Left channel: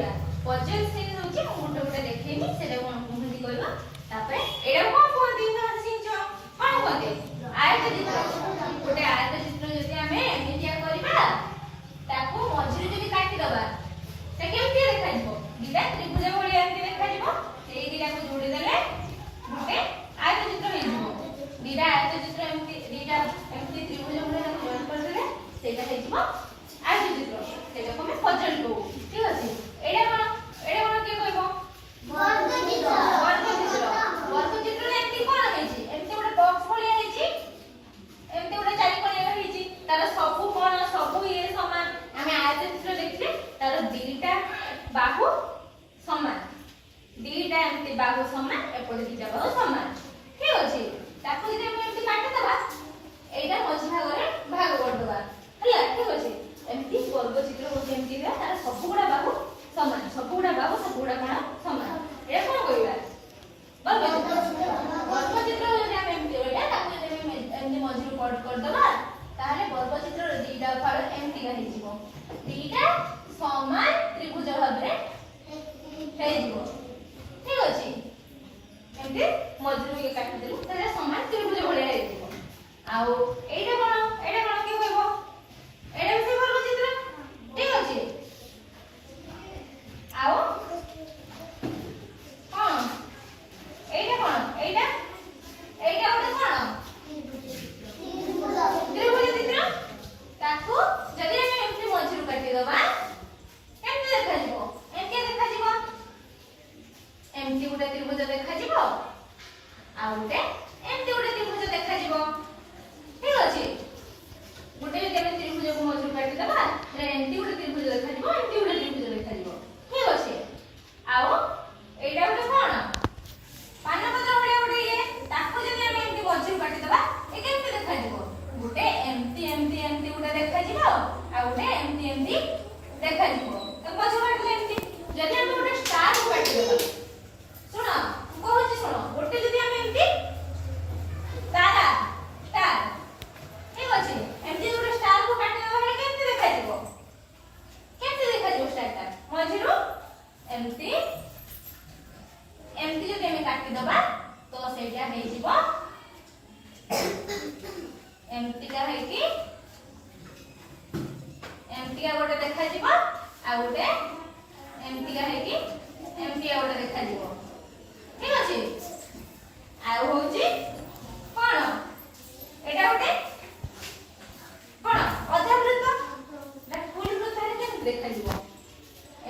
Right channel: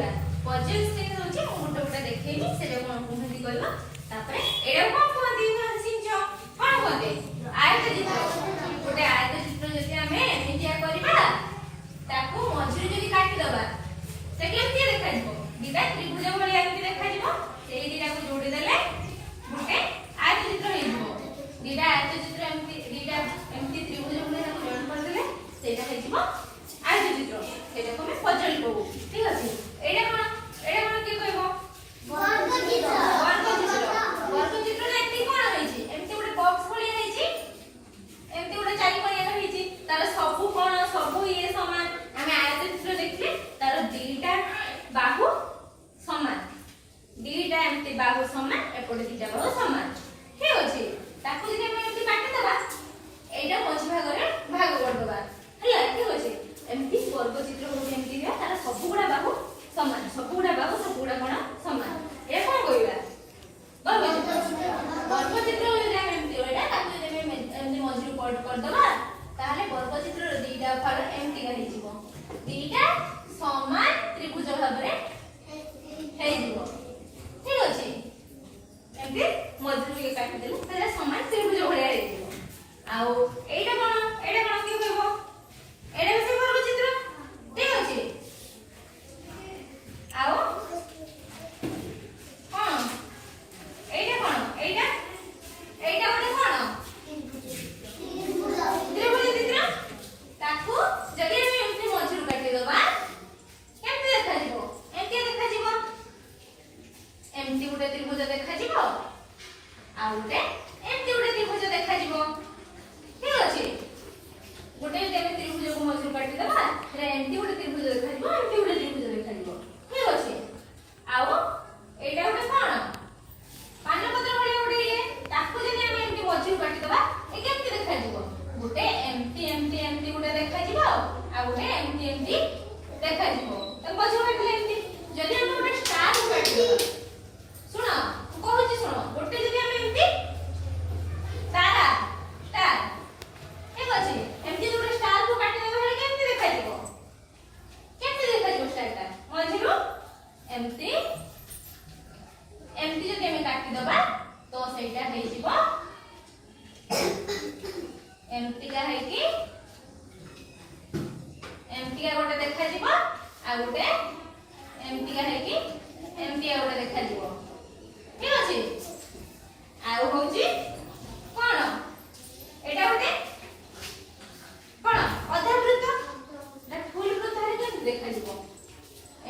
କହିବା puzzle screen ହଉଛି ମୁଁ ଗୋଟେ ଦେଖେଇବି ସେଟା କଣ କୁହନ୍ତି କହିବା ତାପରେ ଏଇଟା କଣ କୁହନ୍ତି ସିଂଚ କଣ କୁହନ୍ତି ଆୟତ ଚିତ୍ର ଗୋଟେ ଆୟତ ଚିତ୍ର ଯଦି ଆମେ ଏମିତିଆ କରିବା ତାକୁ ମଝିରେ ଯଦି କାଟି ଦବା ସେ କେମିତି ଦେଖାଯିବ ଦିଟା ତ୍ରିଭୁଜ ଭଳିଆ ଏମିତି ଦେଖାଯିବ ସେଇ ଦିଟାକୁ ଯୋଡ଼ି ଦେଲେ ଗୋଟେ ଆୟତ ଚିତ୍ର ହେଇଯିବ ଦିଟା ଆୟତ ଚିତ୍ର ଏମିତି ତ୍ରିଭୁଜ ଭଳିଆ ଜଏନ୍ କରିଦେଲେ ସେଇଟା ହେଇଯିବ ଆୟତ ଚିତ୍ର ସେଇଟାକୁ ଆମେ ପଜଲ କହୁ ଠିକ ଅଛି ଏଇଟା କଣ କିଏ କହିବ ବର୍ଗ ଚିତ୍ର ବର୍ଗ ଚିତ୍ରରେ ଏମିତି କଣ ହେଇଛି ଏମିତି ଗୋଟେ ବକ୍ସ ଭଳିଆ ହେଇଛି ଏମିତି ଗୋଟେ ଚାରି କୋଣିଆ ହେଇଛି ତାର ସବୁ କୋଣ ସବୁ ଇଏ ସମାନ ଆମେ ଆୟତ ଚିତ୍ର ଦେଖିଲେ ତାର ଦିଟା ବାହୁ ସମାନ ଦିଟା ଏମିତି ବାହୁ ସମାନ ଏପଟେ ଦିଟା ବାହୁ ସମାନ ଠିକ ଅଛି ତାକୁ ଯଦି ଆମେ ଏମିତି କାଟିଦେବା ଏଇଟା ମଝି ଭାଗରେ ଭାଗ କରିଦେବା ହେଲା ଠିକ ଅଛି ଏମିତି ବର୍ଗ ଚିତ୍ର ହଉଛି ଏମିତି ହୁଏ ତାର ସବୁଗୁଡା ବାହୁ ସମାନ ସବୁଗୁଡା ବାହୁ ସବୁଗୁଡା କୋଣ ସମାନ ଏଇଟା କଣ କହିବା ବର୍ଗ ଚିତ୍ର ଯଦି ଆମେ ଏମିତି ରହିଲା ତାକୁ ଯଦି ଆମେ ଏମିତି ମଝିରୁ କଟ୍ କରିଦେବା ତାହେଲେ ବର୍ଗ ଚିତ୍ରର ଦିଟା ଭାଗ ଏମିତିକା ହେଇଯିବ ଦିଟା ସମାନ ତ୍ରିଭୁଜ ଭାବରେ ହେଇଯିବ ଠିକ ଅଛି ଏମିତି ମଝିରୁ ଇଏ କାଟିଦେଲେ ତାହେଲେ ସମାନ ତ୍ରିଭୁଜ ଭଳିଆ ହେଇଯିବ ଆଉ ଏଇଟା କଣ କିଏ କହିବ ଏଇଟା ବି ସେ ବର୍ଗ ଚିତ୍ର ଠିକ ଅଛି ଆଉ କଣ ଏଇଟା କଣ ଏଇଟା ଗୋଟେ କଣ ତ୍ରିଭୁଜ ଚିତ୍ର ତାକୁ ଯଦି ଆମେ ଏମିତି ମଝିରୁ କାଟିଦେବା କେମିତି ଦେଖାଯିବ ଏମିତି ଗୋଟେ ତ୍ରିଭୁଜ ଦେଖାଯିବ ଆଉ ଗୋଟେ ଏମିତି ଗୋଟେ ତ୍ରିଭୁଜ ଦେଖାଯିବ ଠିକ ଅଛି ଗୋଟେ ଯଦି ଆମେ ତ୍ରିଭୁଜକୁ ମଝିରୁ କାଟିଦେବା ଏମିତି ଗୋଟେ ତ୍ରିଭୁଜ ଦେଖାଯିବ ଏମିତି ଗୋଟେ ତ୍ରିଭୁଜ ଦେଖାଯିବ ଠିକ ଅଛି ଆଉ ଏଇଟା ଗୋଟେ କଣ ପାନପତ୍ର ଭଳିଆ ଗୋଟେ ଇଏ ତାକୁ ଯଦି ଆମେ ଏମିତି ମଝିରୁ କାଟିଦେବା ଏ କେମିତି ଦେଖାଯିବ ଗୋଟେ ଏମିତି ଗୋଟେ ଦେଖାଯିବ ଆଉ ଗୋଟେ ଏମିତି ଦେଖାଯିବ ମଝିରୁ କାଟିଲେ ଏମିତି ଯଦି ଆମେ ଗୋଟେ ଷ୍ଟାରକୁ କାଟିଦେବା ଶୁଣ ମୁଁ କହୁଛି ଶୁଣ ଗୋଟେ ଯଦି ଆମେ ଏମିତି ଷ୍ଟାର ଠିକ ଅଛି ଏମିତି ଗୋଟେ ଷ୍ଟାରକୁ କାଟିଦେବା ହେଲେ କେମିତି ଦେଖାଯିବ ଷ୍ଟାରଟା ମଝିରୁ ଏମିତି ଯଦି ଆମେ କାଟିଦେବା ତ ସେଇଟା ହେଇଯିବ ଏମିତିକା ହେଇକି ଏମିତିକା ଗୋଟେ ଦେଖାଯିବ ଆଉ ଗୋଟେ ଏମିତିକା ହେଇକି ଏମିତିକା ଗୋଟେ ଦେଖାଯିବ ଠିକ ଅଛି ଆଉ ହଉଛି କଣ ଏଇଟା ଗୋଟେ କଣ ଅଧାବୃତ୍ତ ନା ଫୁଲ ବୃତ୍ତ ହେଲେ କେମିତି ଦେଖାଯିବ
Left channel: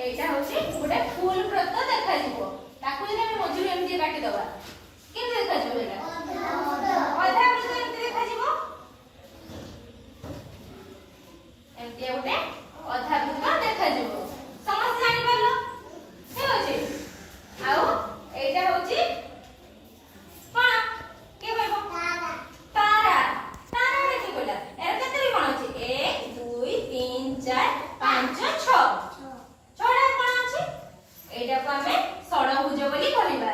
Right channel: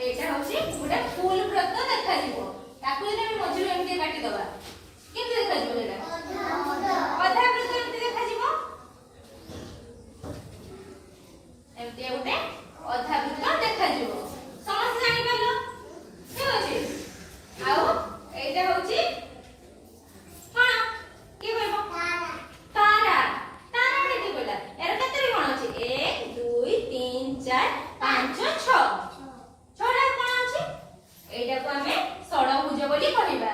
ଏଇଟା ହଉଛି ଗୋଟେ ଫୁଲ ବୃତ୍ତ ଦେଖାଯିବ ତାକୁ ଯଦି ଆମେ ମଝିରୁ ଏମିତି କାଟିଦେବା କେମିତି ଦେଖାଯିବ ଏଇଟା ଅଧାବୃତ୍ତ ଏମିତି ଦେଖାଯିବ ଏମିତି ଗୋଟେ ଅଧାବୃତ୍ତ ଦେଖାଯିବ ସମସ୍ତେ ଜାଣିପାରିଲ ଠିକ ଅଛି ଆଉ ଏଇଟା ହଉଛି କଣ କିଏ କହିବ ତାରା କିଏ କହିଲା ଏର କେତେ କଣ ଅଛି 1 2 3 4 5 6 ଛଅଟା କଣ ଅଛି ଏଇଟାକୁ ଆମେ ଷଡ଼ଭୁଜ ବୋଲି କହିବା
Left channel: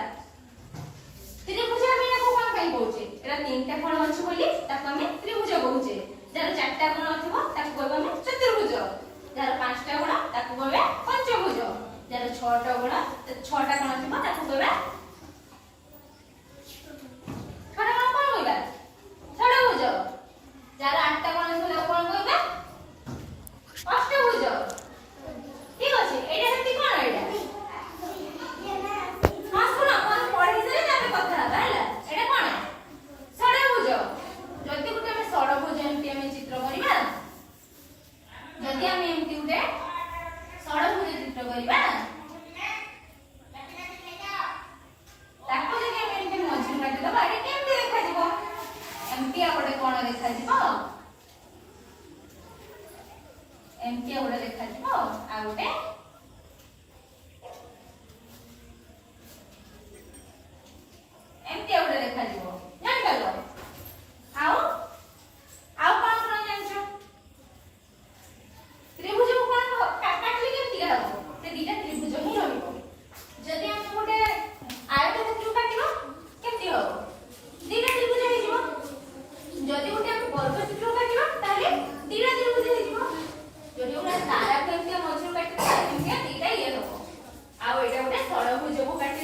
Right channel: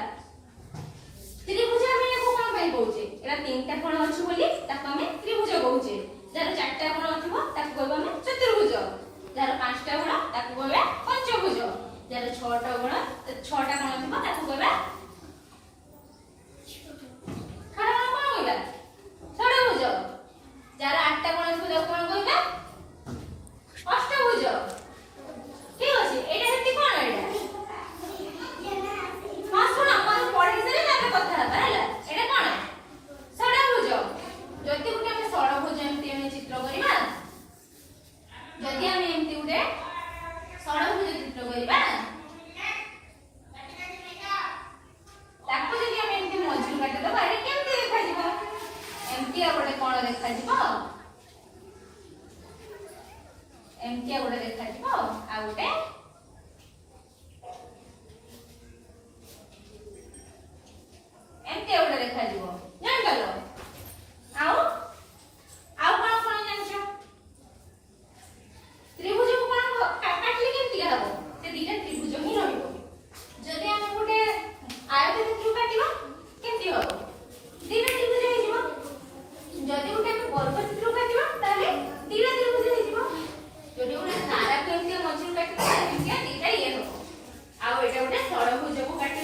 ତ୍ରିଭୁଜ ଆମେ ୟାକୁ କଣ ପାଇଁ କହୁଛେ ଏଟା ତିନିଟା କୋଣ ଅଛି ବୋଲି ତାକୁ ଆମେ ତ୍ରିଭୁଜ କହୁଛେ ଯାହାର ଚାରିଟା କୋଣ ଥିବ ତାକୁ କହିବା ଆମେ ଚତୁର୍ଭୁଜ ଯାହାର ପାଞ୍ଚଟା କୋଣ ତାକୁ କହିବା ପଞ୍ଚଭୁଜ ଯାହାର ଛଅଟା କୋଣ ଥିବ ତାକୁ କହିବା ଷଡ଼ଭୁଜ ଯାହାର ଆଠଟା କୋଣ ଥିବ ତାକୁ କଣ କହିବା ଅଷ୍ଟଭୁଜ ଠିକ ଅଛି ଏଇଟା ସେମିତି କଣ ଏଇଟା ହଁ ଶୁଣ ଆପଣ ପଢେଇ ସାରିଲେ ତାପରେ କଥା ହେବା ହେଲା ଏଇଟା କଣ ଷଡ଼ଭୁଜ ଯଦି ଗୋଟେ ଆମେ ଷଡ଼ଭୁଜ ଏମିତି ଆମେ ଚିତ୍ର କରିବା ଯଦି ଆମେ ଏମିତି ଗୋଟେ ଷଡ଼ଭୁଜ ଚିତ୍ର କରିବା ତାକୁ ଯଦି ଆମେ ଏମିତି ମଝିରୁ କାଟିଦେବା ଏଇଟା କେମିତି ଦେଖାଯିବ ଏମିତି ଆଉ ଗୋଟେ କଣ ଦେଖାଯିବ ଏମିତି ଆଉ ଗୋଟେ ଦେଖାଯିବ ଆଉ ଗୋଟେ ଏମିତି ଆଉ ଗୋଟେ ଦେଖାଯିବ ଜାଣିପାରିଲ ଆଉ କଣ ଜାଣିଛ ତ୍ରିଭୁଜକୁ କଣ କାଟିଲେ କେମିତି ହବ ସେ ଦିଟା ତ୍ରିଭୁଜ ହିଁ ରହିବ ଯଦି ଆମେ ଗୋଟେ ଆୟତକ୍ଷେତ୍ରକୁ କାଟିବା କେମିତି ହବ ଦିଟା ତ୍ରିଭୁଜ ହେଇଯିବ ଯଦି ଗୋଟେ ଆମେ ବର୍ଗ ଚିତ୍ରକୁ କାଟିବା ତାହେଲେ ଦିଟା ତ୍ରିଭୁଜ ହେଇଯିବ ଯଦି ଗୋଟେ ତାରାକୁ ଏମିତି ମଝିରୁ କାଟିବା ଷଡ଼ଭୁଜକୁ କାଟି